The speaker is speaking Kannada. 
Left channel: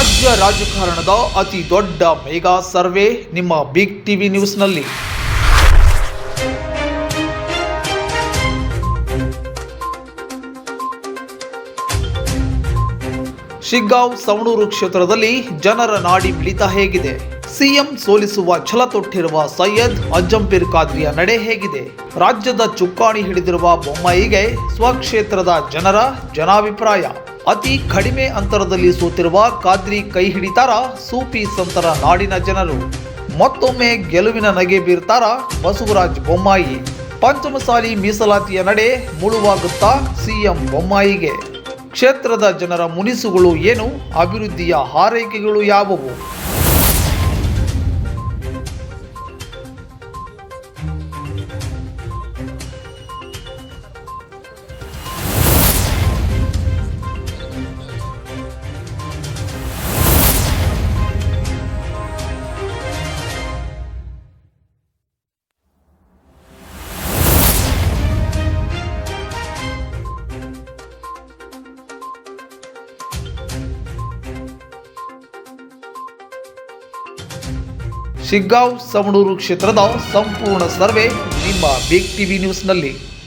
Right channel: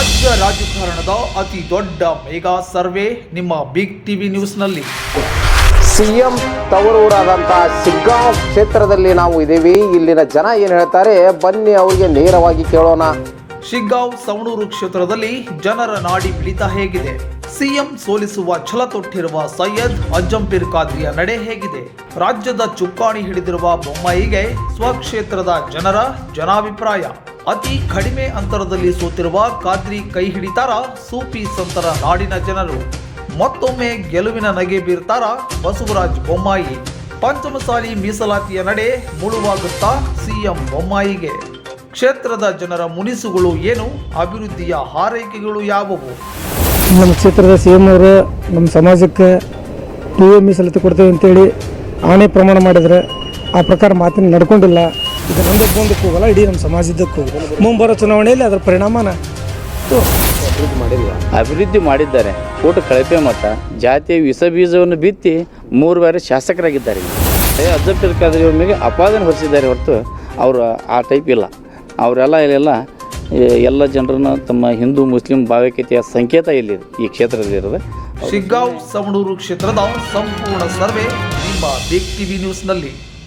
ರಾಜ್ಯ ರಾಜಕಾರಣದ ಅತಿ ದೊಡ್ಡ ಮೆಗಾ ಸರ್ವೆ ನಿಮ್ಮ ಬಿಗ್ ಟಿವಿ ನ್ಯೂಸ್ನಲ್ಲಿ. ಸಿಎಂ ತವರೂರಾದಂತಹ ಶಿಗ್ಗಾಂವ್ ಕ್ಷೇತ್ರದಲ್ಲಿ ನಾವು ಇದ್ದೀವಿ. ಇಲ್ಲಿನ ಜನ ಏನು ಹೇಳ್ತಾರೆ ಬನ್ನಿ ಅವರಿಗೆ ನೇರವಾಗಿ ಕೇಳೋಣ. ಶಿಗ್ಗಾಂವ್ ಸವಣೂರು ಕ್ಷೇತ್ರದಲ್ಲಿ ಜನರ ನಾಡಿ ಮಿಡಿತ ಹೇಗಿದೆ? ಸಿಎಂ ಸೋಲಿಸುವ ಛಲ ತೊಟ್ಟಿರುವ ಸೈಯದ್ ಅಜ್ಜಂಪೀರ್ ಖಾದ್ರಿಯ ನಡೆ ಹೇಗಿದೆ? ರಾಜ್ಯದ ಚುಕ್ಕಾಣಿ ಹಿಡಿದಿರುವ ಬೊಮ್ಮಾಯಿಗೆ ಸ್ವಕ್ಷೇತ್ರದ ಜನರ ಜನಾಭಿಪ್ರಾಯ. ಅತಿ ಕಡಿಮೆ ಅಂತರದಲ್ಲಿ ಸೋತಿರುವ ಖಾದ್ರಿ ಕೈ ಹಿಡಿತಾರ ಸೂಫಿ ಸಂತರ ನಾಡಿನ ಜನರು? ಮತ್ತೊಮ್ಮೆ ಗೆಲುವಿನ ನಗೆ ಬೀರ್ತಾರ ಬಸವರಾಜ ಬೊಮ್ಮಾಯಿ? ಪಂಚಮಸಾಲಿ ಮೀಸಲಾತಿಯ ನಡೆ ಮುಳುವಾಗುತ್ತಾ ಸಿಎಂ ಬೊಮ್ಮಾಯಿಗೆ? ಕ್ಷೇತ್ರದ ಜನರ ಮುನಿಸುಗಳು ಏನು? ಅಭಿವೃದ್ಧಿಯ ಹಾರೈಕೆಗಳು ಯಾವುವು? ನಮ್ಮ ಕ್ಷೇತ್ರದ ಸಿಎಂ ಅವರು ನಮ್ಮ ಸಮಾಜಕ್ಕೆ 2A ಮೀಸಲಾತಿ ಕೊಡ್ತೇವೆ ಅಂತೇಳಿ ಆಣೆ ಪ್ರಮಾಣ ಮಾಡಿದರೆ ಆ ಪ್ರಕಾರ ಮಾತಿನ ನಡ್ಕೊಂಡಿಲ್ಲ. ಇದು ಹೋಗಲ್ಲ ಇಡೀ ನಮ್ಮ ಸಮಾಜದಕ್ಕೂ. ಮುಂಬರೋ ಚುನಾವಣೆಯಲ್ಲಿ ಅದರ ಪರಿಣಾಮನ ಅಭಿವೃದ್ಧಿ ಮಾಡಿದ್ದಾರೆ. ಕೋಟ ಕಳಪೆ ಮತ ಜಾತಿಯ ವಿಷ ಬೀಜವನ್ನು ಬಿತ್ತಿ 3 ಬಾರಿ ಶಾಸಕರಾಗಿದ್ದಾರೆ. ಅಜ್ಜಂಪೀರ್ ಖಾದ್ರಿ ಒಮ್ಮೆಗೆ ಅಪಾದನೆ ಹೊರಿಸಿದ್ದಾರೆ ಹೊರತು ಅವರು ಆ ಟೈಪ್ ಇಲ್ಲ. ಅವರೆಲ್ಲ ಇಲ್ಲೆಲ್ಲ ಎಲ್ಲ ಜನರನ್ನ ತಮ್ಮ ಹಿಂದೂ ಮುಸ್ಲಿಂ ಭಾವೈಕ್ಯತೆಯ ಸಂಕೇತ ಇಲ್ಲಿದೆ ಈ ಕ್ಷೇತ್ರದಲ್ಲಿರೋದು. ಶಿಗ್ಗಾಂವ್ ಸವಣೂರು ಕ್ಷೇತ್ರದ ಸಂಪೂರ್ಣ ಸರ್ವೆ ನಿಮ್ಮ ಬಿಗ್ ಟಿವಿ ನ್ಯೂಸ್ನಲ್ಲಿ.